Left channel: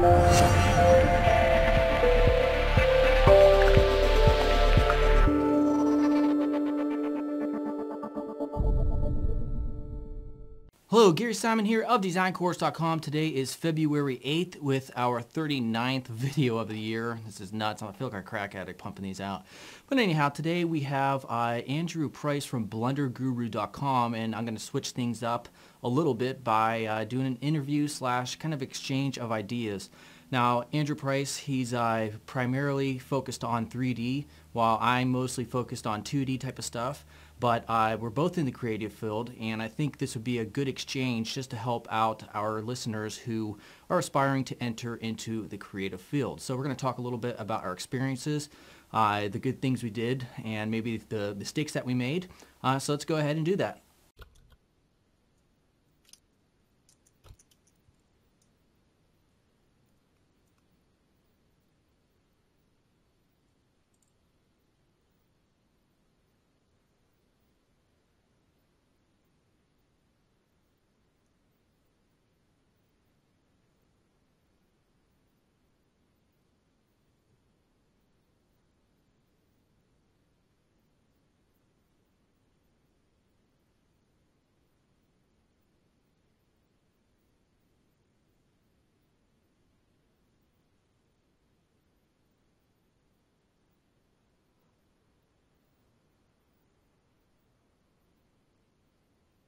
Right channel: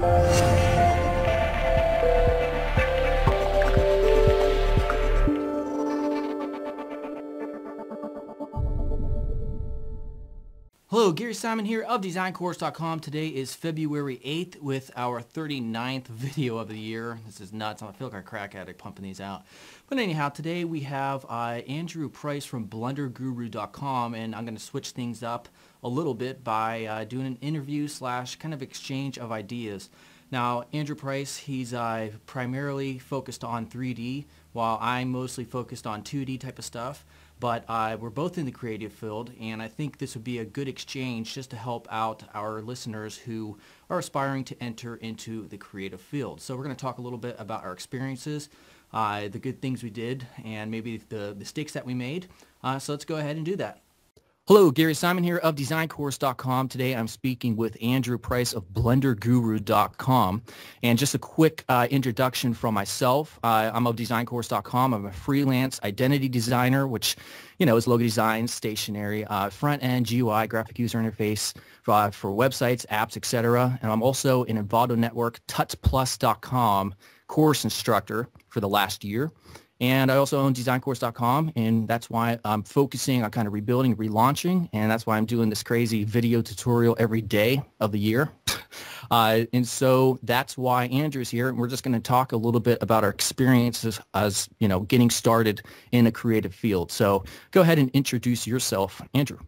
Hello, Gary Simon here of DesignCourse.com. Today is February 8th with our 39th video of the year. This is nuts. I feel like a crack addict pumping these out. But anyhow, today we have Andrew Price from BlenderGuru.com, and I'm going to switch things up a little bit by doing an interview slash kind of exchange of ideas. Now, Andrew Price, he's primarily focused on 3D, while I'm mostly focused on 2D type of stuff. But we're both in the creative field, and I think this would be a good exchange just to help out our listeners who are aspiring to enter into the creative field. So we're going to talk a little bit about our experiences, the good things we did, and maybe the mistakes that we made. So let's go ahead and do that. Hello, Gary Simon here of DesignCourse.com. Today I'm speaking with Andrew Price of BlenderGuru.com. And just a quick introduction from myself. I'm of DesignCourse.com. I'm a freelance identity designer, which, is logo design, stationery, front-end, GUI, graphic user interface for websites, apps, etc. And I'm also an Envato Network, tutsplus.com course instructor for the last year. And I also own DesignCourse.com, and that's why I'm focusing on kind of rebuilding, relaunching, and that's why I'm doing this crazy video tutorial every day of the year. And so that's why Andrew's here, and we're just going to talk a little bit about our experiences as, getting started in a creative field. So go ahead and introduce yourself, Andrew.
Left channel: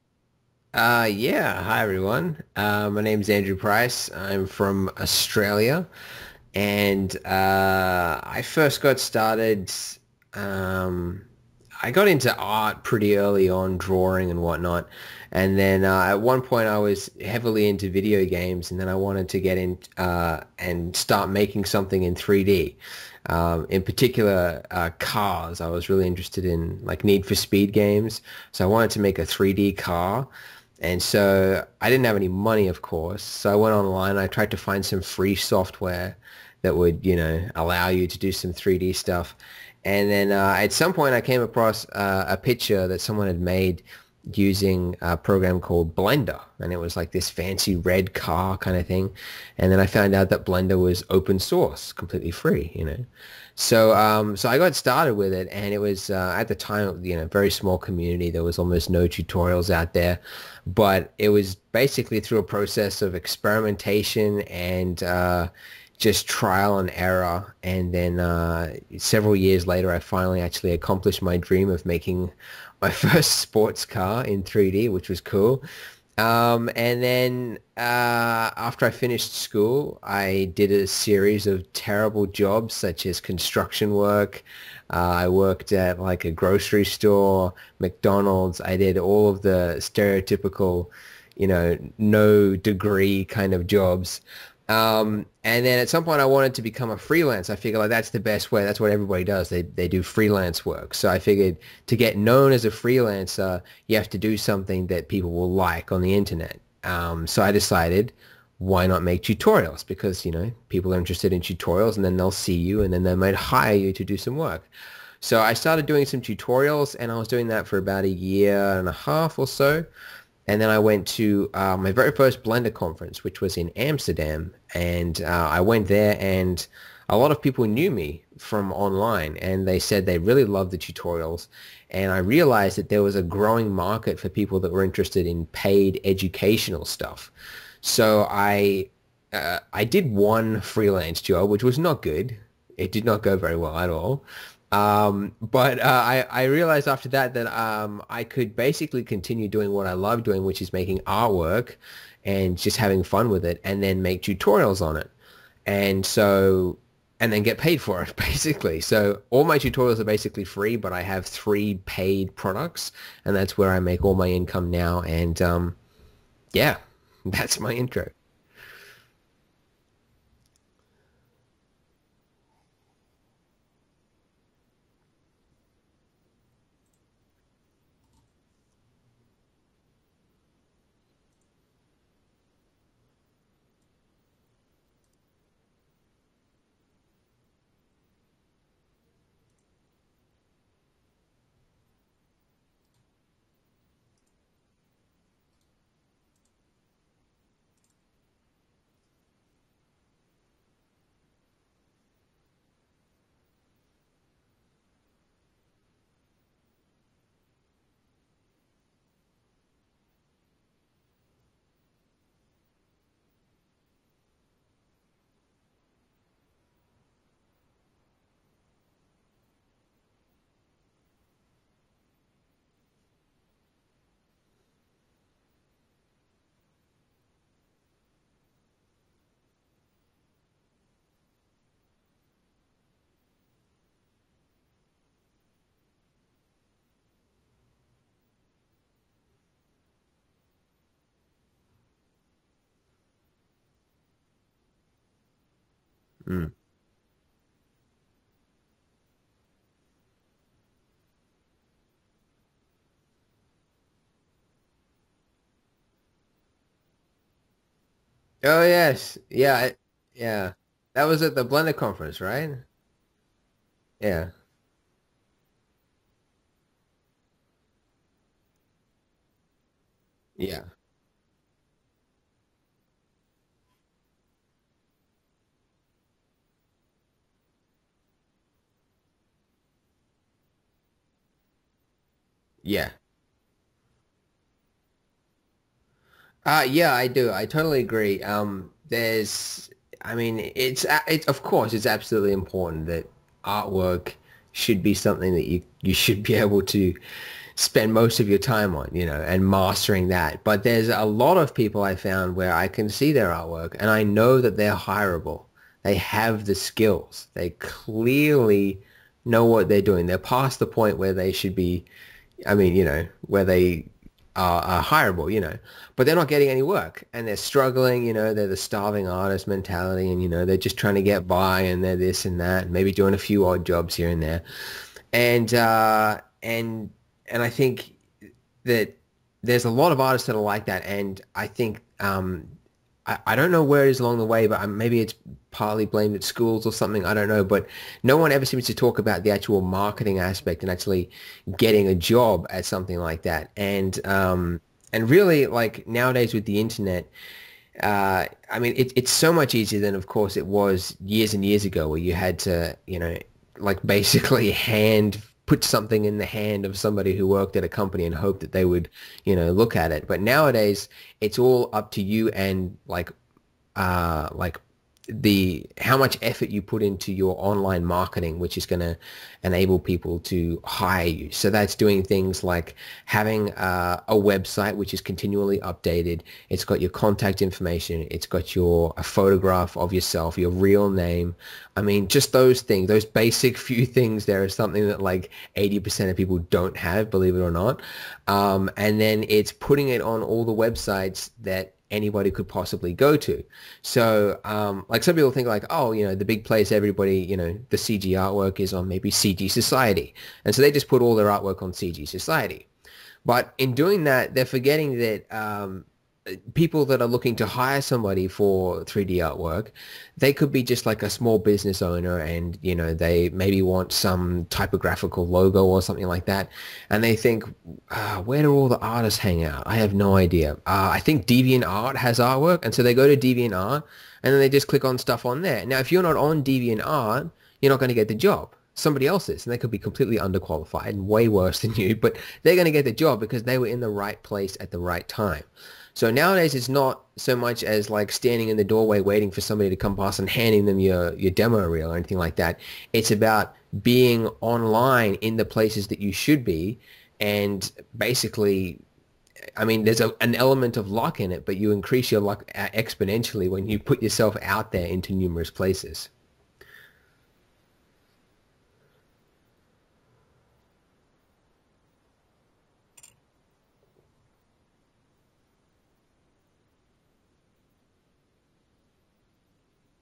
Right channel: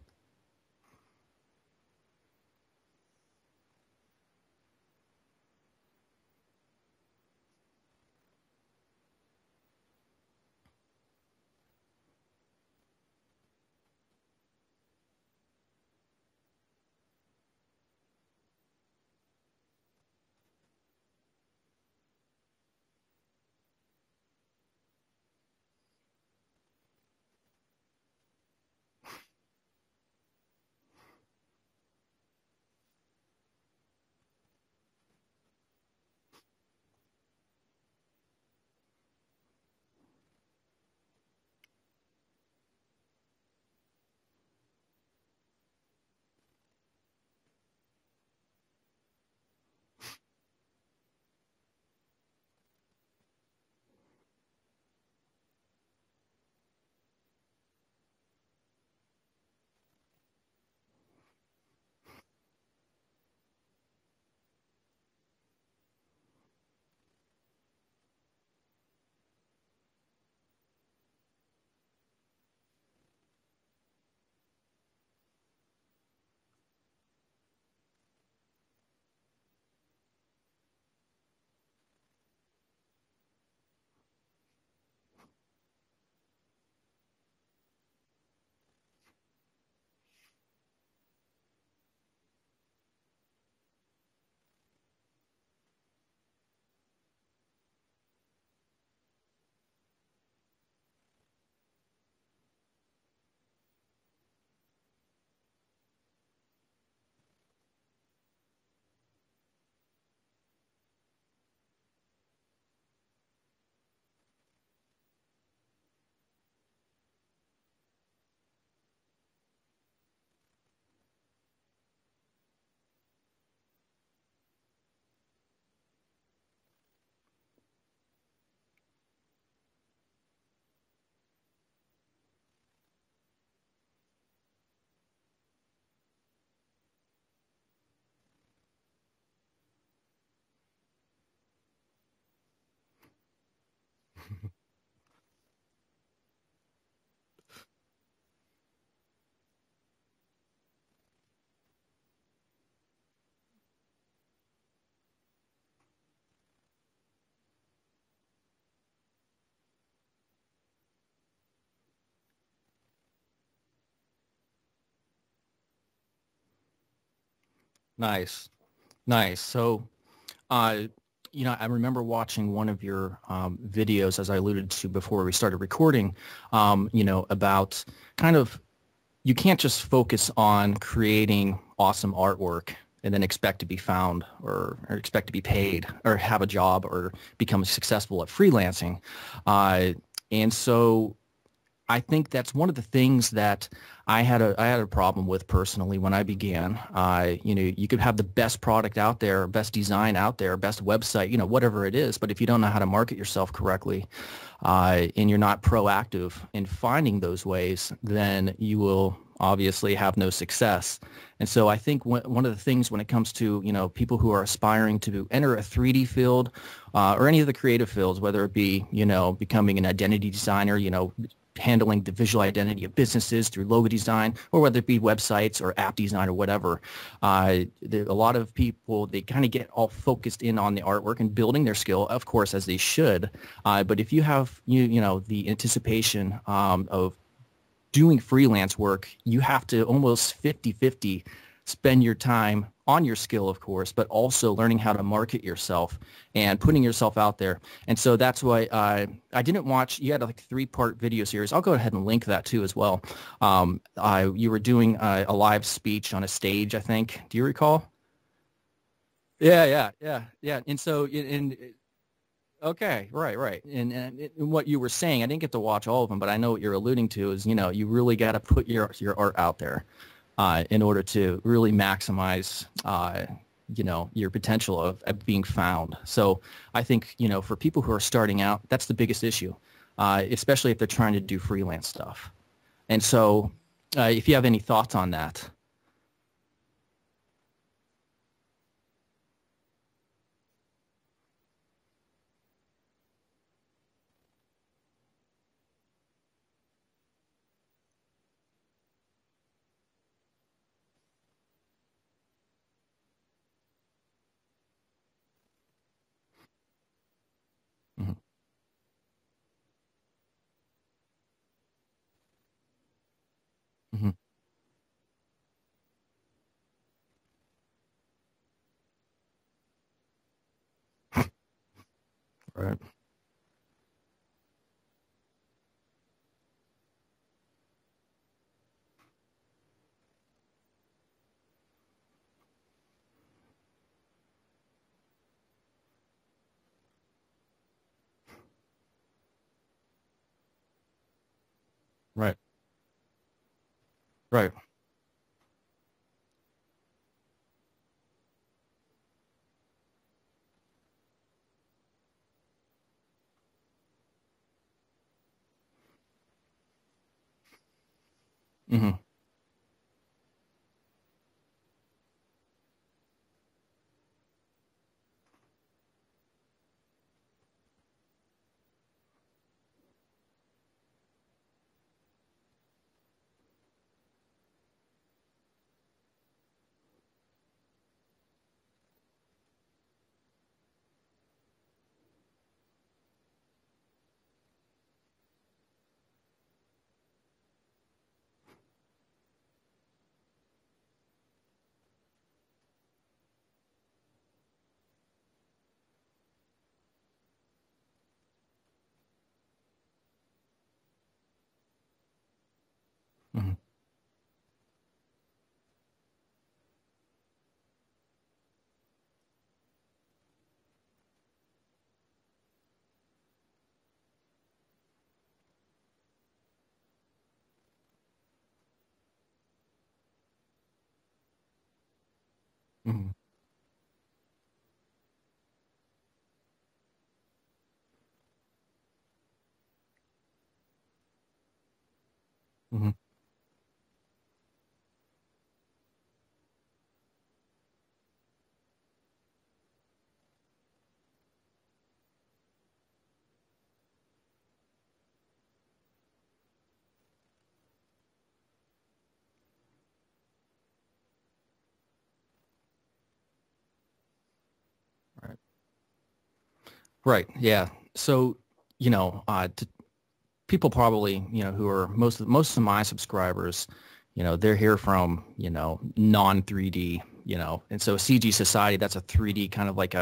Yeah. Hi, everyone. My name is Andrew Price. I'm from Australia, and I first got started... I got into art pretty early on, drawing and whatnot, and then at one point I was heavily into video games, and then I wanted to get in and start making something in 3D. In particular, cars. I was really interested in like Need for Speed games, so I wanted to make a 3D car. And so I didn't have any money, of course, so I went online. I tried to find some free software that would, allow you to do some 3D stuff. And then at some point I came across a picture that someone had made using a program called Blender. And it was like this fancy red car kind of thing. And then I found out that Blender was open source, completely free, So so I got started with it, and it was at the time, very small community. There was almost no tutorials out there. But it was basically through a process of experimentation and just trial and error, and then several years later I finally actually accomplished my dream of making my first sports car in 3D, which was cool. And then after I finished school, I did a series of terrible jobs such as construction work. I worked at like a grocery store, McDonald's. I did all of the stereotypical, no degree kind of jobs. And then at some point I wanted to become a freelance. I figured like that's the best way. That's what everybody does. They do freelance work. So I figured to get known as a freelancer, you have to do something that people will like on the internet. So I decided, why not make tutorials? Because, people are interested in tutorials, and then they'll see you, and then they might hire you to do some work. So I started doing some tutorials, and I was doing that for about a year and a half or so. And then I went to my very first Blender conference, which was in Amsterdam. And I went there, and a lot of people knew me from online, and they said they really loved the tutorials. And I realized that there was a growing market for people that were interested in paid educational stuff. So I did one freelance job, which was not good. It did not go very well at all. But I realized after that I could basically continue doing what I love doing, which is making artwork and just having fun with it, and then make tutorials on it. And then get paid for it, basically. So all my tutorials are basically free, but I have 3 paid products, and that's where I make all my income now. And yeah, that's my intro. Nice. So I remember watching one of your videos, as I alluded to before we started recording, about kind of, you can't just focus on creating awesome artwork and then expect to be found or expect to be paid or have a job or become successful at freelancing. And so I think that's one of the things that I had a problem with personally when I began. You could have the best product out there, best design out there, best website, whatever it is, but if you don't know how to market yourself correctly, and you're not proactive in finding those ways, then you will obviously have no success. And so I think one of the things when it comes to, people who are aspiring to enter a 3D field or any of the creative fields, whether it be, becoming an identity designer, handling the visual identity of businesses through logo design, or whether it be websites or app design or whatever. A lot of people, they kind of get all focused in on the artwork and building their skill, of course, as they should. But if you have, the anticipation of doing freelance work, you have to almost 50-50 spend your time on your skill, of course, but also learning how to market yourself and putting yourself out there. And so that's why I didn't watch, you had like a 3-part video series. I'll go ahead and link that too as well. You were doing a live speech on a stage, I think. Do you recall? Oh yes, yeah. Yeah. And so That was at the Blender conference, right? Okay, right. And Yeah. what you were saying, I didn't get to watch all of them, but I know what you're alluding to is, you really got to put your art out there in order to really maximize, your potential of being found. So I think, for people who are starting out, that's the biggest issue, especially if they're trying to do freelance stuff. Yeah. And so if you have any thoughts on that. Yeah, I do. I totally agree. It's of course, it's absolutely important that artwork should be something that you should be able to spend most of your time on, and mastering that. But there's a lot of people I found where I can see their artwork and I know that they're hireable. They have the skills. They clearly know what they're doing. They're past the point where they should be, where they are hireable, but they're not getting any work and they're struggling, they're the starving artist mentality and, they're just trying to get by and they're this and that, Right. maybe doing a few odd jobs here and there. And I think that there's a lot of artists that are like that. And I think, I don't know where it is along the way, but maybe it's partly blamed at schools or something. I don't know, but no one ever seems to talk about the actual marketing aspect and actually getting a job at something like that. And and really, like nowadays with the internet, it's so much easier than, of course, it was years and years ago, where you had to, like basically put something in the hand of somebody who worked at a company and hope that they would, look at it. But nowadays, it's all up to you and like how much effort you put into your online marketing, which is going to enable people to hire you. So that's doing things like having a website which is continually updated. It's got your contact information. It's got a photograph of yourself, your real name. I mean, just those things, those basic few things there is something that like 80% of people don't have, believe it or not. And then it's putting it on all the websites that anybody could possibly go to. So like some people think like, oh, the big place everybody, the CG artwork is on maybe CG Society. And so they just put all their artwork on CG Society. But in doing that, they're forgetting that people that are looking to hire somebody for 3D artwork, they could be just like a small business owner and, they maybe want some typographical logo or something like that. And they think, where do all the artists hang out? I have no idea. I think DeviantArt has artwork. And so they go to DeviantArt and then they just click on stuff on there. Now, if you're not on DeviantArt, you're not going to get the job. Somebody else is, and they could be completely underqualified and way worse than you, but they're going to get the job because they were in the right place at the right time. So nowadays, it's not so much as like standing in the doorway waiting for somebody to come past and handing them your demo reel or anything like that. It's about being online in the places that you should be. And basically, there's an element of luck in it, but you increase your luck exponentially when you put yourself out there into numerous places. Right. Yeah. So, people probably, who are most of my subscribers, they're here from, non 3D, and so CG Society, that's a 3D kind of like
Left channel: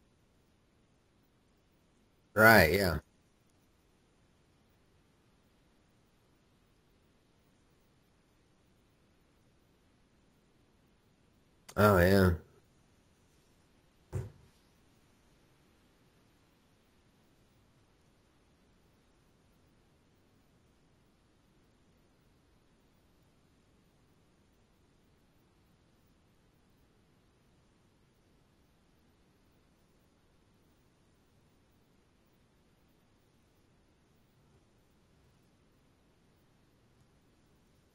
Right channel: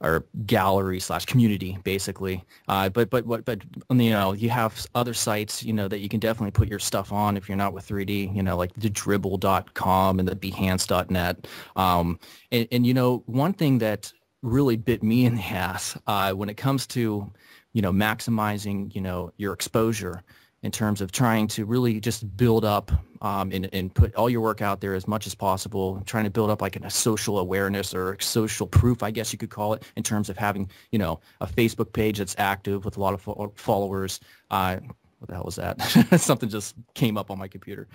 or gallery / community, basically. Right. Yeah. But you have other sites, that you can definitely put your stuff on if you're not with 3D, like the dribble.com and the behance.net. And one thing that really bit me in the ass when it comes to, maximizing, your exposure in terms of trying to really just build up and put all your work out there as much as possible, trying to build up like a social awareness or social proof, I guess you could call it, in terms of having, you know, a Facebook page that's active with a lot of followers. What the hell was that? Something just came up on my computer.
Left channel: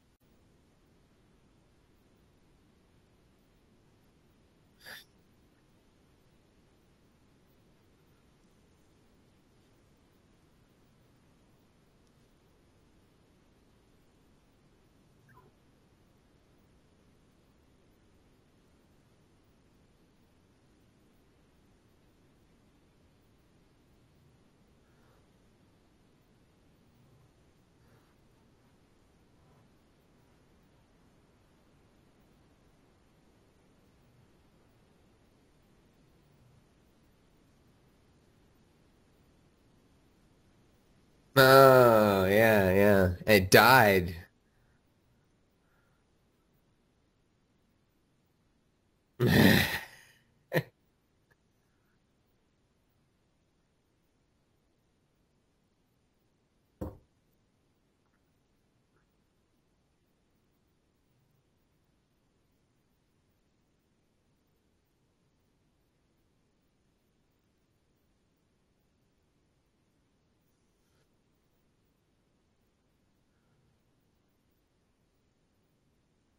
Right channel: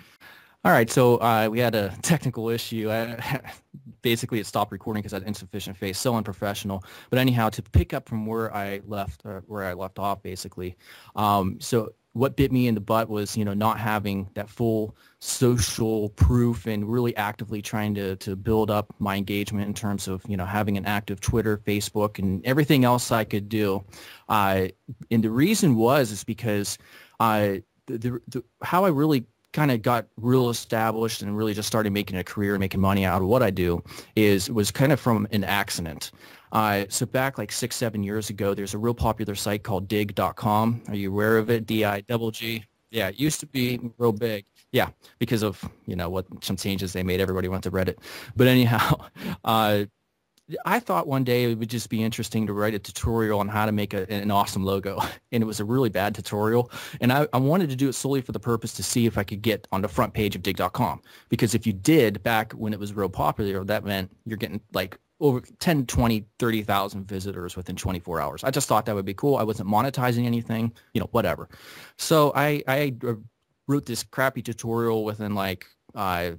All right, so we had a technical issue. Basically, it stopped recording because I had insufficient face, so unprofessional. But anyhow, to pick up from where I left off, basically. So what bit me in the butt was, you know, not having that full social proof and really actively trying to build up my engagement in terms of, you know, having an active Twitter, Facebook, and everything else I could do. And the reason is because how I really kind of got real established and really just started making a career and making money out of what I do was kind of from an accident. So back like 6-7 years ago, there's a real popular site called dig.com. Are you aware of it? Oh, yeah. It used to died. be real big. Yeah, because of, you know, some changes they made. Everybody went to Reddit. But anyhow, I thought one day it would just be interesting to write a tutorial on how to make an awesome logo. And it was a really bad tutorial. And I wanted to do it solely for the purpose to see if I could get on the front page of dig.com. Because if you did back when it was real popular, that meant you're getting like over 10, 20, 30,000 visitors within 24 hours. I just thought that would be cool. I wasn't monetizing anything, you know, whatever. So I wrote this crappy tutorial within like a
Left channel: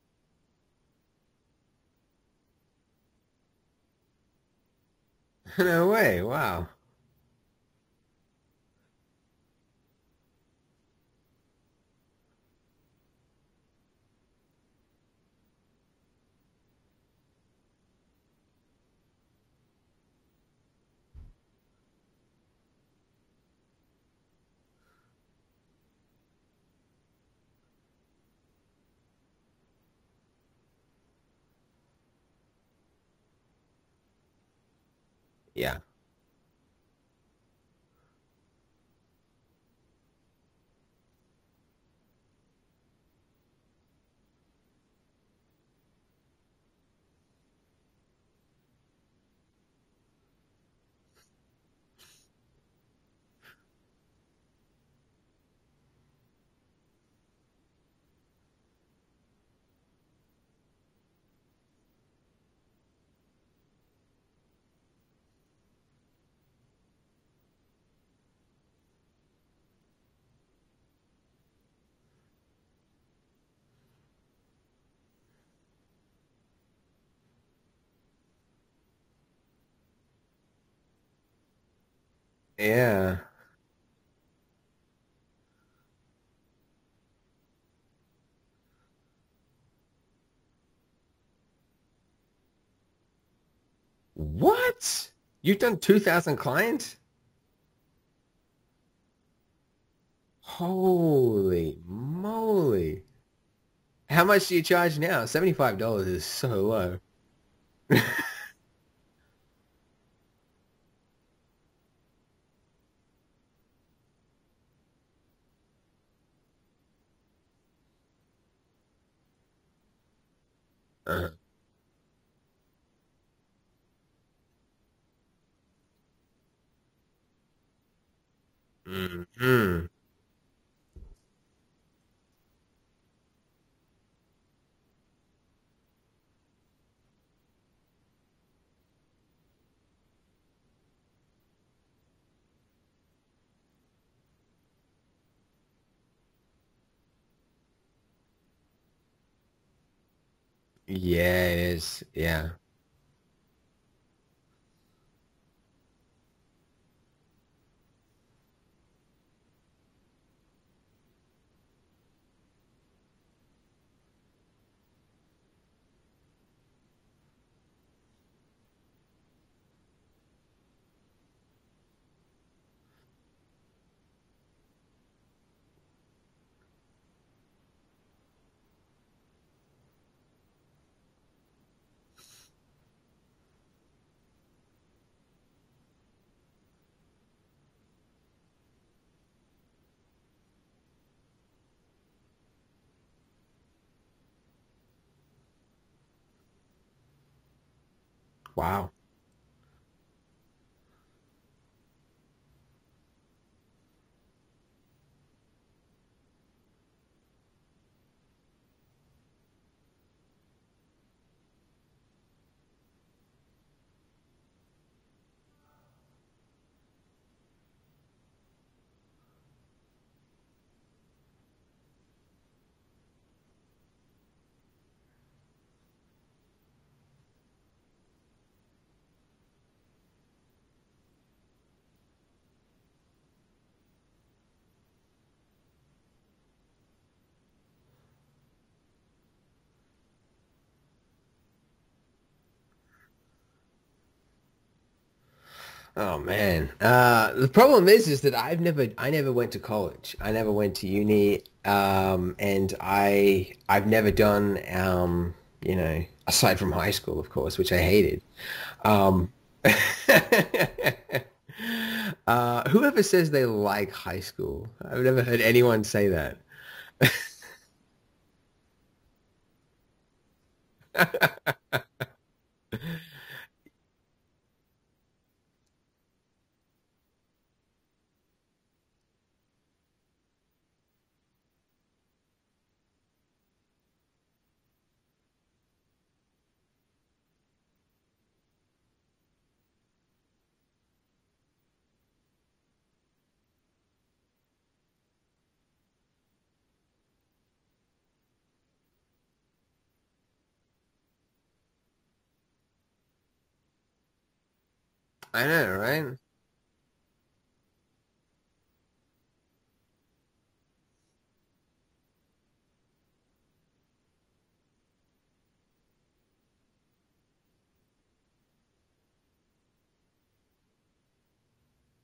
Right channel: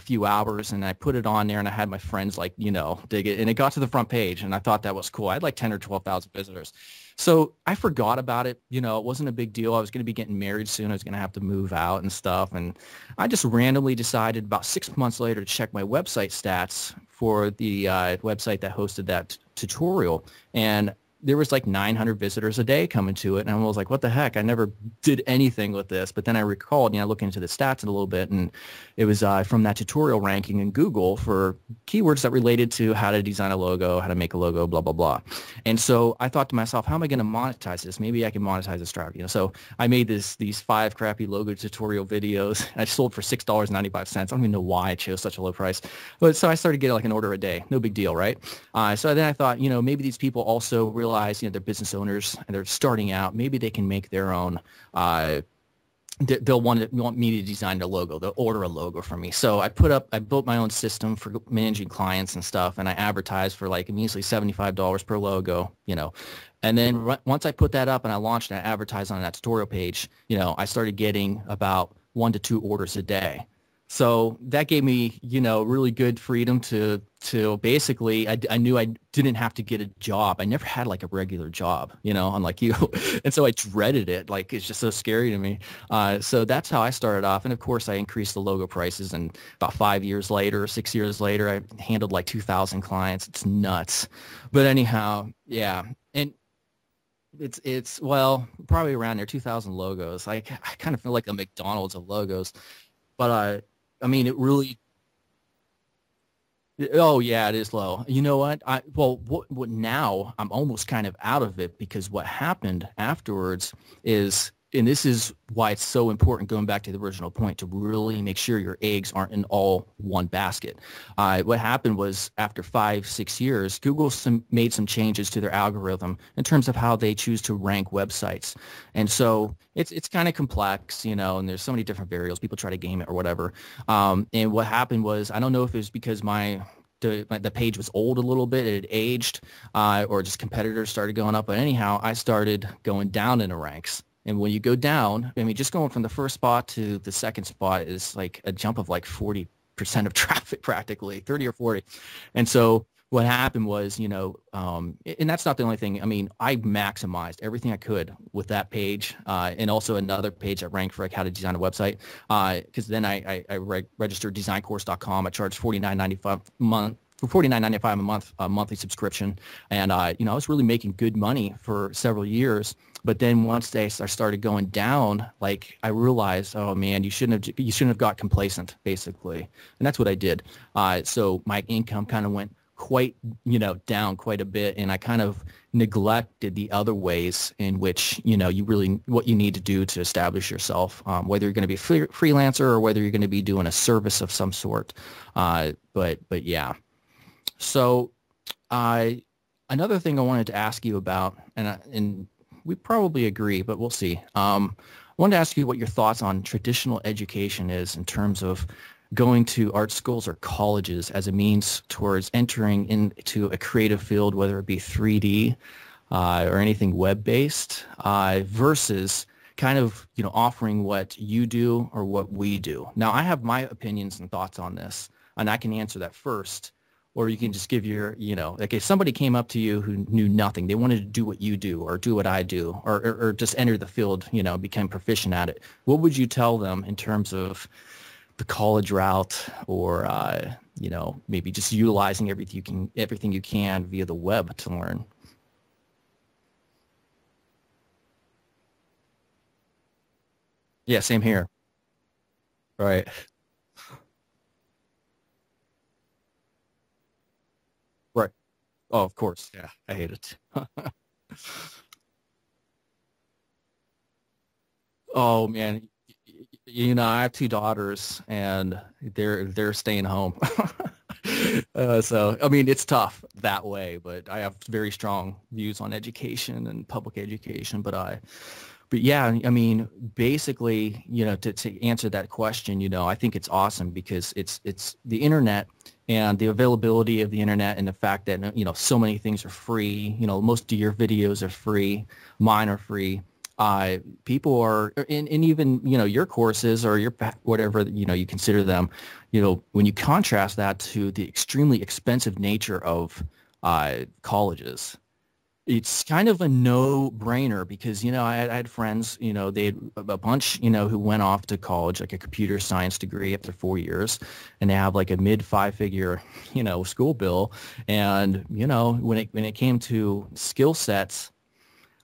few hours, and I put it on there, and I had my friends like, you know, dig it, and it got to the front page, and I thought that was cool. I had like 10 or 12,000 visitors. So I forgot about it. You know, it wasn't a big deal. I was going to be getting married soon. I was going to have to move out and stuff. And I just randomly decided about 6 months later to check my website stats for the website that hosted that tutorial. And there was like 900 visitors a day coming to it. And I was like, what the heck? I never did anything with this. But then I recalled, you know, looking into the stats a little bit, and it was from that tutorial ranking in Google for keywords that related to how to design a logo, how to make a logo, blah, blah, blah. Yeah. And so I thought to myself, how am I going to monetize this? Maybe I can monetize this strategy. You know, so I made these 5 crappy logo tutorial videos. I sold for $6.95. I don't even know why I chose such a low price. But so I started getting like an order a day. No big deal, right? So then I thought, you know, maybe these people also realize, you know, they're business owners and they're starting out. Maybe they can make their own. They'll want me to design a logo. They'll order a logo from me. So I built my own system for managing clients and stuff, and I advertised for like measly $75 per logo, you know. And then once I put that up and I launched and I advertised on that tutorial page, you know, I started getting about 1 to 2 orders a day. So that gave me, you know, really good freedom to basically, I knew I didn't have to get a job. I never had like a regular job, you know, unlike you. And so I dreaded it. Like, it's just so scary to me. So that's how I started off. And of course I increased the logo prices, and about 5 years later, 6 years later, I handled like 2,000 clients. It's nuts. What? But anyhow, you've done 2,000 clients? It's well, probably around there, 2,000 logos. I kind of feel like the McDonald's of logos. But I mean, how much do you charge now? $75 is so low. Oh yeah, it is low. You know what? What now? I'm almost kind of out of it, because what happened afterwards is, and this is why it's so important, going back to the original point, to really make sure your eggs aren't in all one basket. What happened was, after 5-6 years, Google made some changes to their algorithm in terms of how they choose to rank websites. And so it's kind of complex, you know, and there's so many different variables. People try to game it or whatever. And what happened was, I don't know if it was because the page was old a little bit, it had aged, or just competitors started going up. But anyhow, I started going down in the ranks. And when you go down, I mean, just going from the first spot to the second spot is like a jump of like 40% of traffic, practically, 30 or 40. Yeah. And so what happened was, you know, and that's not the only thing. I mean, I maximized everything I could with that page, and also another page that ranked for like how to design a website. Because then I registered designcourse.com. I charged $49.95 a month. For $49.95 a month, a monthly subscription. And, you know, I was really making good money for several years. But then once I started going down, like, I realized, oh man, you shouldn't have got complacent, basically. And that's what I did. So my income kind of went down quite a bit. And I kind of neglected the other ways in which, you know, what you need to do to establish yourself, whether you're going to be a freelancer or whether you're going to be doing a service of some sort. But yeah. So, wow. Another thing I wanted to ask you about, and we probably agree, but we'll see. wanted to ask you what your thoughts on traditional education is in terms of going to art schools or colleges as a means towards entering into a creative field, whether it be 3D or anything web-based, versus kind of, offering what you do or what we do. Now, I have my opinions and thoughts on this, and I can answer that first, or you can just give your, like if somebody came up to you who knew nothing, they wanted to do what you do or do what I do, or just enter the field, become proficient at it. What would you tell them in terms of the college route, or, maybe just utilizing everything you can via the web to learn? Oh man. The problem is that I never went to college. I never went to Yeah, same uni. here. And Right. I've never done, aside from high school, of course, which I hated. Right. Oh, of Um, course. Yeah, I hate it. whoever says they like high school, I've never heard Oh anyone man, say that. I have two daughters, and they're staying home. So I mean, it's tough that way, but I have very strong views on education and public education. But yeah, I mean, basically, to answer that question, I think it's awesome because it's the internet and the availability of the internet and the fact that, so many things are free. Most of your videos are free. Mine are free. People are, and even, your courses or whatever, you consider them, when you contrast that to the extremely expensive nature of colleges, I know, it's right? kind of a no-brainer because, I had friends, they had a bunch, who went off to college, like a computer science degree after 4 years, and they have like a mid five-figure, school bill. And, when it came to skill sets,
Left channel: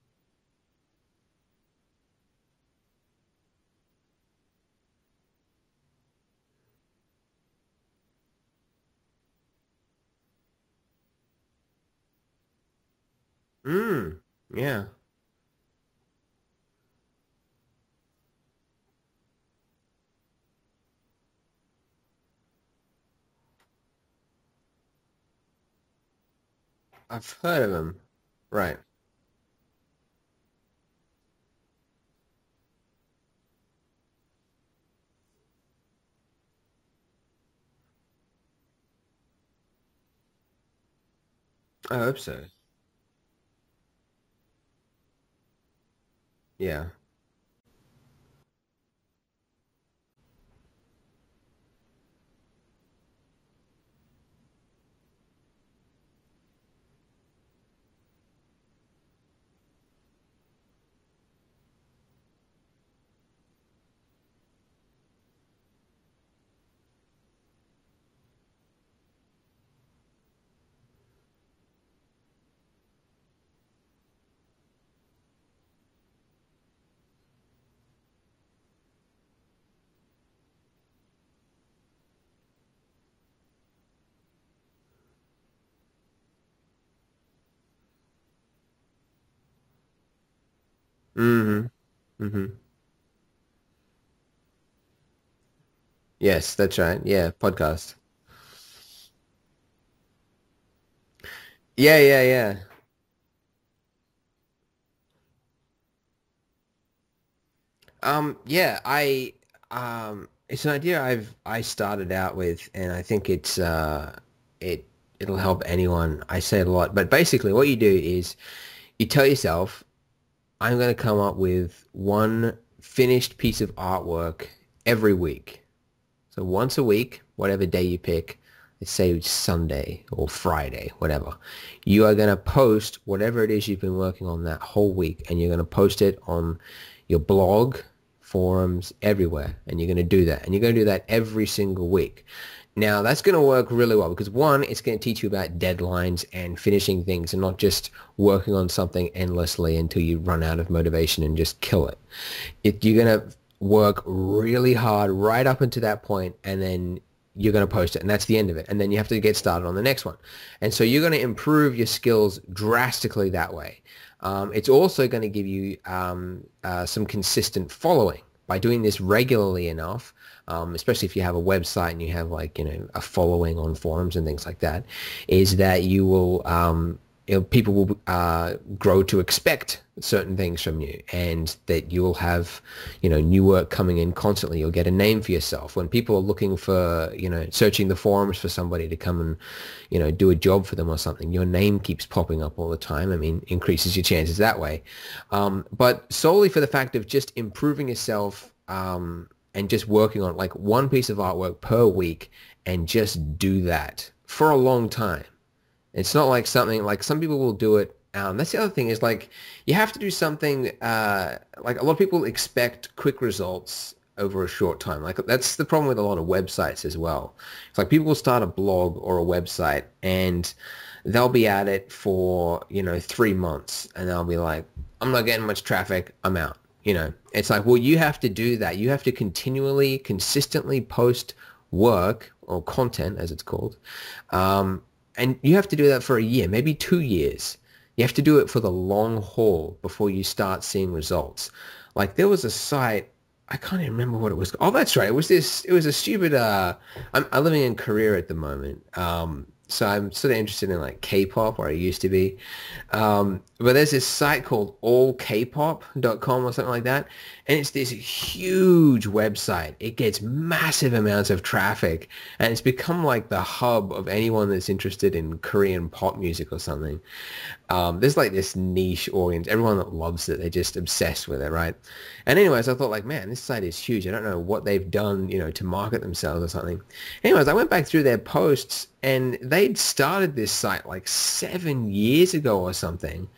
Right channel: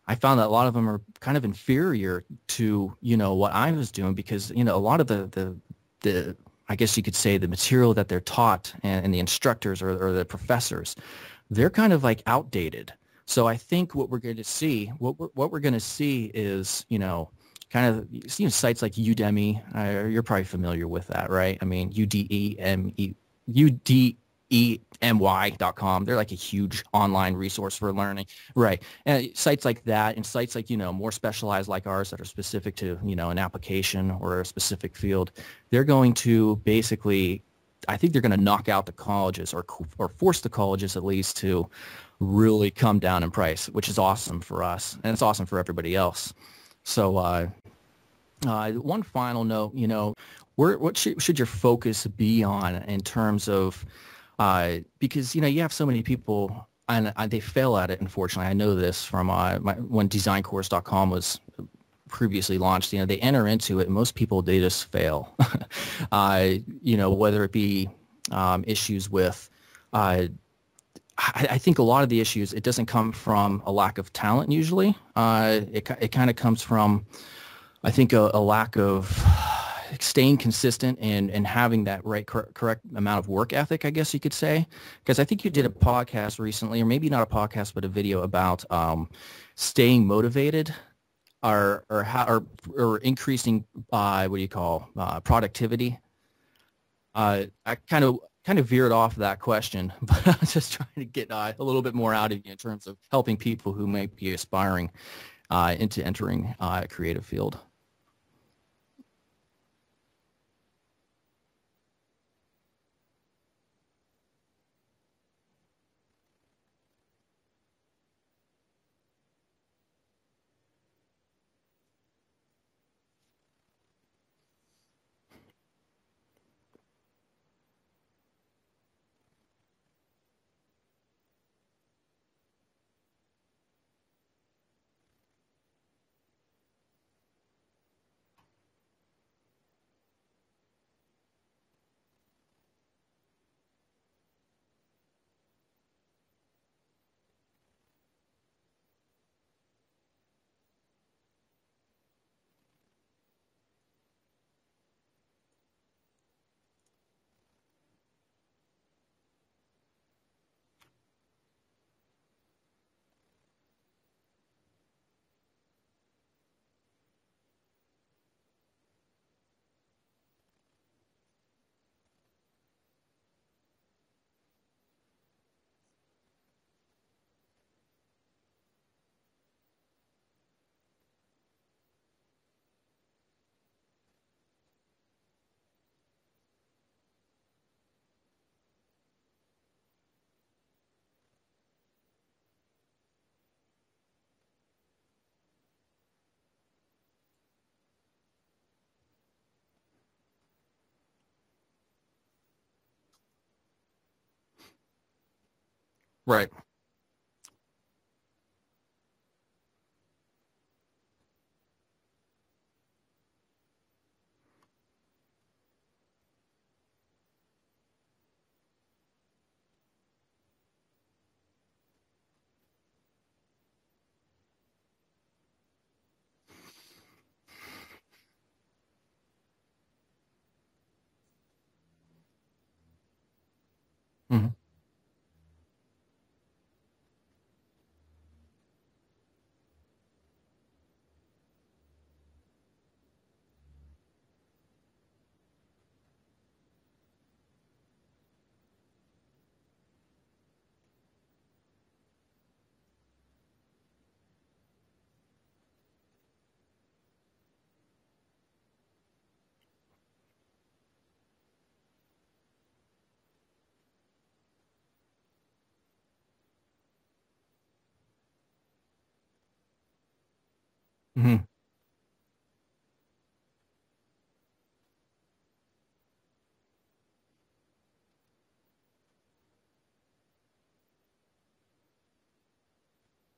I found that a lot of them are kind of inferior to, what I was doing because, a lot of the I guess you could say the material that they're taught and the instructors or the professors, they're kind of like outdated. So I think what Mm, we're going to yeah. see, what we're going to see is, kind of sites like Udemy. You're probably familiar with that, right? I mean, udemy.com. They're like a huge I've online heard of resource for them. learning, Right. right? And sites like that, and sites like more specialized like ours that are specific to an application or a specific field. They're going to basically, I think they're going to knock out the colleges or force the colleges at least to I hope so. really come down in price, which is awesome for us and it's awesome for everybody else. Yeah. So one final note, what should your focus be on in terms of, because, you have so many people and they fail at it, unfortunately. I know this from when designcourse.com was previously launched. They enter into it and most people, they just fail. Whether it be issues with, I think a lot of the issues, it doesn't come from a lack of talent usually. It kind of comes from, I think, a lack of staying consistent and having that correct amount of work ethic, I guess you could say. Because I think you did a podcast recently, or maybe not a podcast, but a video about staying motivated Mm-hmm. or how Mm-hmm. or increasing what do you call productivity. Yes, that's right. Yeah, I podcast. kind of veered off that question, but I'm just trying to get a little bit Yeah, more yeah, out of you yeah. in terms of helping people who may be aspiring into entering a creative field. Yeah, it's an idea I started out with, and I think it'll help anyone. I say it a lot, but basically, what you do is you tell yourself, I'm going to come up with one finished piece of artwork every week. So once a week, whatever day you pick, let's say it's Sunday or Friday, whatever, you are going to post whatever it is you've been working on that whole week, and you're going to post it on your blog, forums, everywhere, and you're going to do that. And you're going to do that every single week. Now, that's going to work really well because one, it's going to teach you about deadlines and finishing things and not just working on something endlessly until you run out of motivation and just kill it. You're going to work really hard right up until that point, and then you're going to post it, and that's the end of it. And then you have to get started on the next one. And so you're going to improve your skills drastically that way. It's also going to give you some consistent following by doing this regularly enough, especially if you have a website and you have a following on forums and things like that, is that you will people will grow to expect certain things from you, and that you'll have, new work coming in constantly. You'll get a name for yourself. When people are looking for, searching the forums for somebody to come and, do a job for them or something, your name keeps popping up all the time. I mean, increases your chances that way. But solely for the fact of just improving yourself, and just working on like one piece of artwork per week, and just do that for a long time. It's not like something like some people will do it. That's the other thing is like you have to do something like a lot of people expect quick results over a short time. Like that's the problem with a lot of websites as well. It's like people will start a blog or a website and they'll be at it for, 3 months and they'll be like, I'm not getting much traffic. I'm out. It's like, well, you have to do that. You have to continually, consistently post work or content as it's called. And you have to do that for a year, maybe 2 years. You have to do it for the long haul before you start seeing results. Like there was a site, I can't even remember what it was. Oh, that's right. It was a stupid, I'm living in Korea at the moment. So I'm sort of interested in like K-pop, or I used to be. But there's this site called allkpop.com or something like that. And it's this huge website. It gets massive amounts of traffic. And it's become like the hub of anyone that's interested in Korean pop music or something. There's like this niche audience. Everyone that loves it, they're just obsessed with it, right? And anyways, I thought like, man, this site is huge. I don't know what they've done, to market themselves or something. Anyways, I went back through their posts and they'd started this site like 7 years ago or something.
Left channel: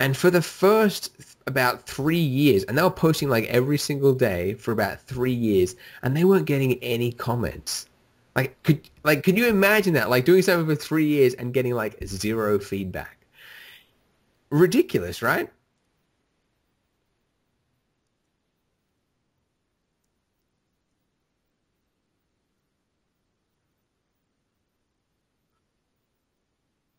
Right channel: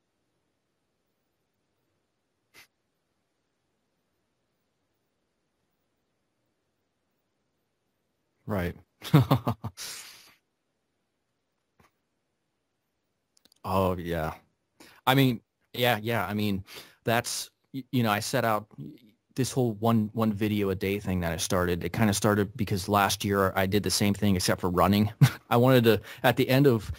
And for the first about 3 years, and they were posting like every single day for about 3 years, and they weren't getting any comments. Like, could you imagine that? Like doing something for 3 years and getting like zero feedback. Oh yeah. Ridiculous, right? Yeah. I mean, that's, I set out this whole one video a day thing that I started. It kind of started because last year I did the same thing except for running. I wanted to, at the end of,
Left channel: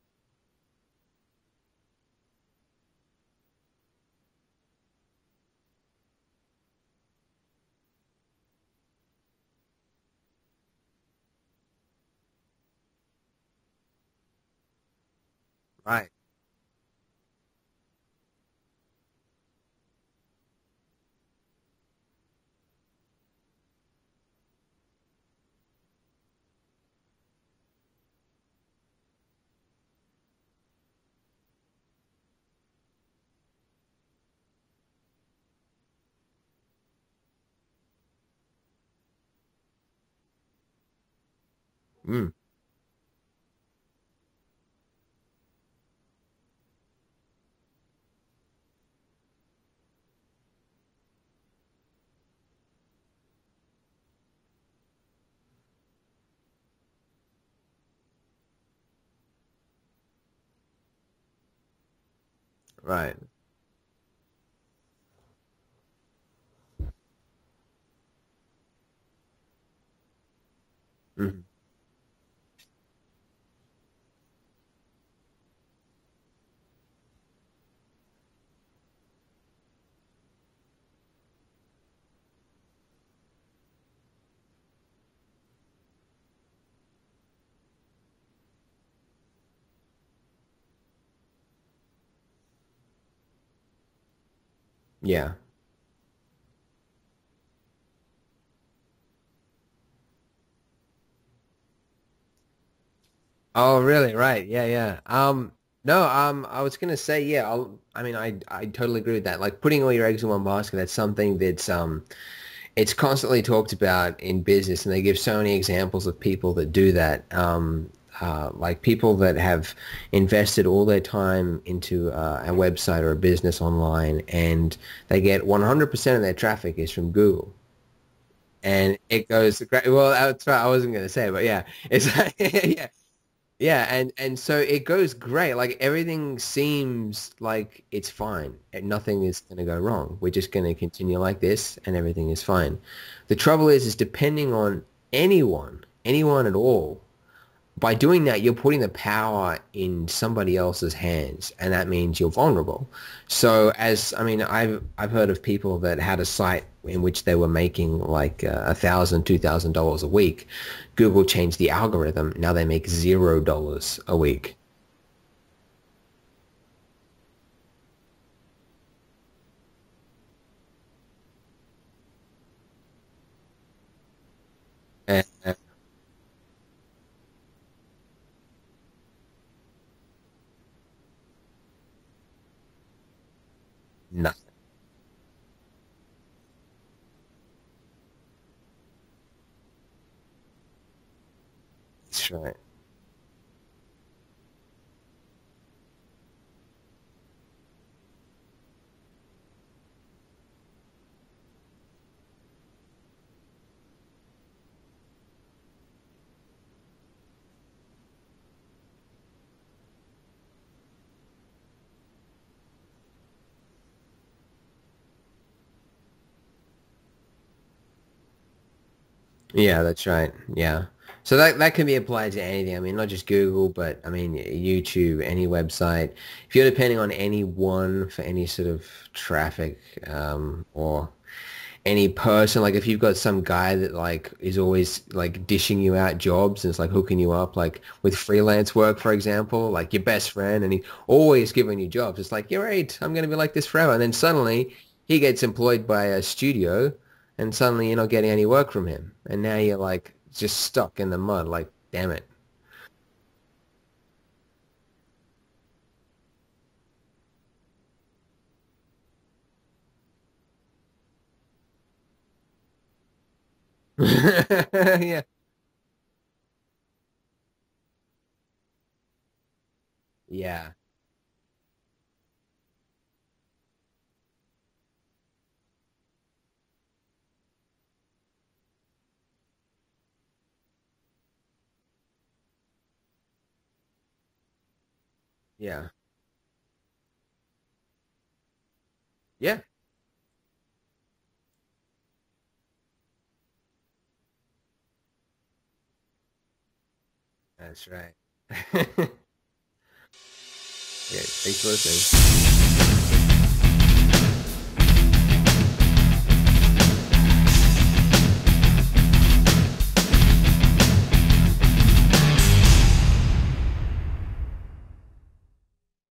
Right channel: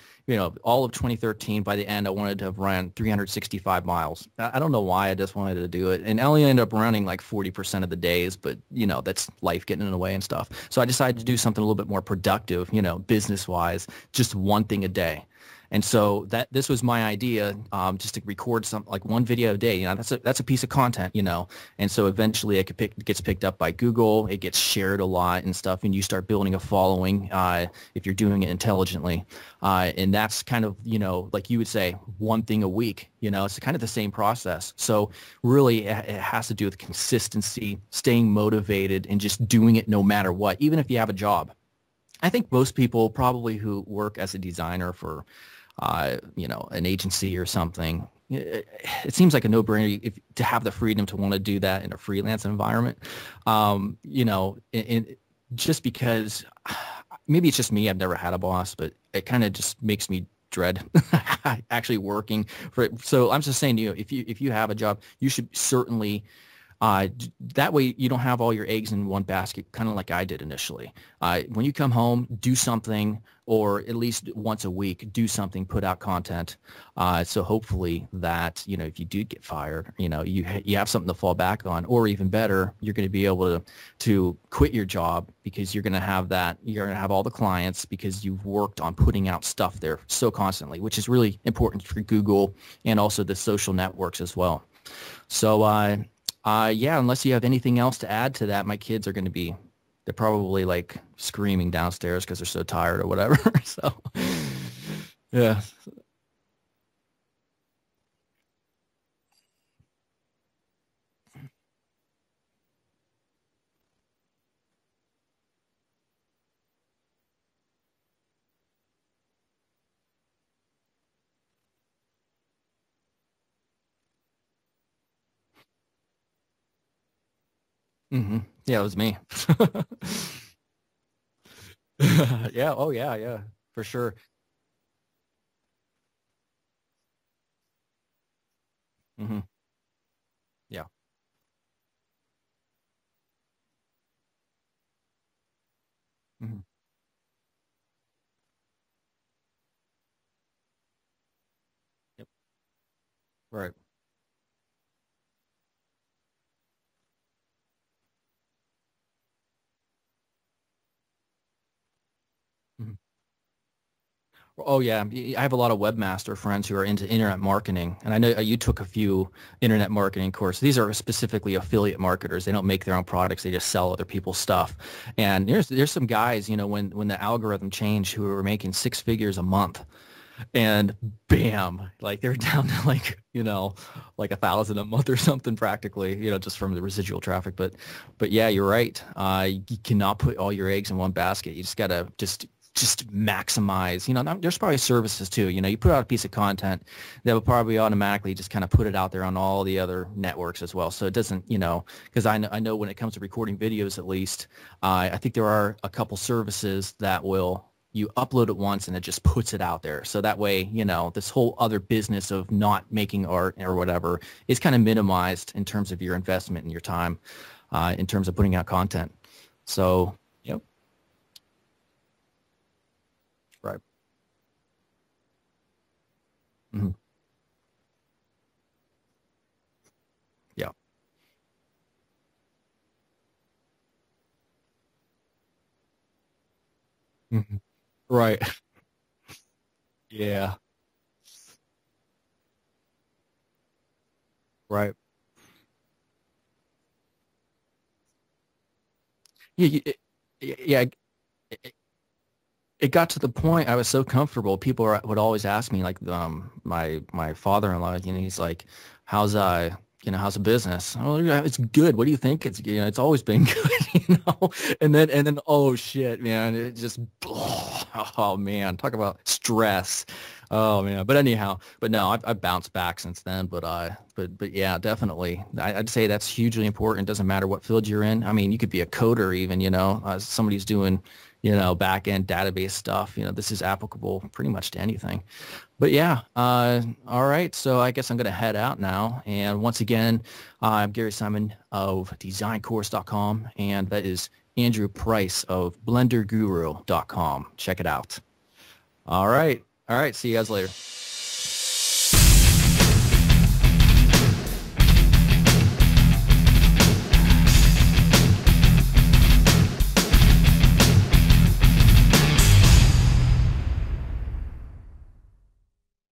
all of 2013, by the end, I wanted to have run 365 miles. I don't know why, I just wanted to do it. And I only ended up running like 40% of the days, but, that's life getting in the way and stuff. So I decided to do something a little bit more productive, business-wise, just one thing a day. And so this was my idea, just to record like one video a day. That's a piece of content, And so eventually it gets picked up by Google. It gets shared a lot and stuff, and you start building a following if you're doing it intelligently. And that's kind of, like you would say, one thing a week. It's kind of the same process. So really, it has to do with consistency, staying motivated, and just doing it no matter what, even if you have a job. I think most people probably who work as a designer for an agency or something, it seems like a no-brainer to have the freedom to want to do that in a freelance environment. Just because maybe it's just me, I've never had a boss, but it kind of just makes me dread actually working for it. Right. So I'm just saying to you, if you have a job, you should certainly that way you don't have all your eggs in one basket, kind of like I did initially. When you come home, do something, or at least once a week, do something, put out content. So hopefully that, if you do get fired, you have something to fall back on, or even better, you're going to be able to quit your job because you're going to have all the clients because you've worked on putting out stuff there so constantly, which is really important for Google and also the social networks as well. Yeah. So, unless you have anything else to add to that, my kids are going to they're probably like screaming downstairs because they're so tired or whatever. Oh, really? Right. Yeah. Yeah. No, I was going to say, I totally agree with that. Like putting all your eggs in one basket, that's something that's, it's constantly talked about in business, and they give so many examples of people that do that. Like people that have invested all their time into a website or a business online, and they get 100% of their traffic is from Google. Mm-hmm. And it goes well. That's right. I wasn't going to say it, but yeah, it's sure. and so it goes great. Like everything seems like it's fine, and nothing is going to go wrong. We're just going to continue like this, and everything is fine. The trouble is depending on anyone at all. By doing that, you're putting the power in somebody else's hands, and that means you're vulnerable. So I've heard of people that had a site in which they were making like $1,000, $2,000 a week, Google changed the algorithm. Now they make $0 a week. Oh yeah, I have a lot of webmaster friends who are into internet marketing, and I know you took a few internet marketing courses. These are specifically affiliate marketers. They don't make their own products; they just sell other people's stuff. And there's some guys, you know, when the algorithm changed, who were making 6 figures a month, and bam, like they're down to like, you know, like 1,000 a month or something practically, you know, just from the residual traffic. But yeah, you're right. You cannot put all your eggs in one basket. You just gotta just maximize. You know, there's probably services too. You know, you put out a piece of content that will probably automatically just kind of put it out there on all the other networks as well. So it doesn't, you know, because I know when it comes to recording videos, at least, I think there are a couple services that will. You upload it once and it just puts it out there. So that way, you know, this whole other business of not making art or whatever is kind of minimized in terms of your investment and your time, in terms of putting out content. Yeah, So, that's right. yep. Yeah. So that can be applied to anything. I mean, not just Google, but I mean, YouTube, any website. If you're depending on any one for any sort of traffic, or any person, like if you've got some guy that like is always like dishing you out jobs and it's like hooking you up, like with freelance work, for example, like your best friend, and he always giving you jobs. It's like, you're right, I'm going to be like this forever. And then suddenly he gets employed by a studio and suddenly you're not getting any work from him. And now you're like just stuck in the mud. Like, damn it. It got to the point I was so comfortable. People would always ask me, like, my father-in-law, you know, he's like, how's the business? Oh, yeah, it's good. What do you think? It's, you know, it's always been good. You know? and then, oh shit, man, it just, oh man, talk about stress. Yeah. Oh man. But anyhow, no, I've bounced back since then. But yeah, definitely, I'd say that's hugely important. It doesn't matter what field you're in. I mean, you could be a coder even, you know, somebody who's doing, you know, back-end database stuff. You know, this is applicable pretty much to anything. Yeah. But yeah, all right. So I guess I'm going to head out now. And once again, I'm Gary Simon of designcourse.com, and that is Andrew Price of blenderguru.com. Check it out. All right. See you guys later. Yeah, thanks for listening.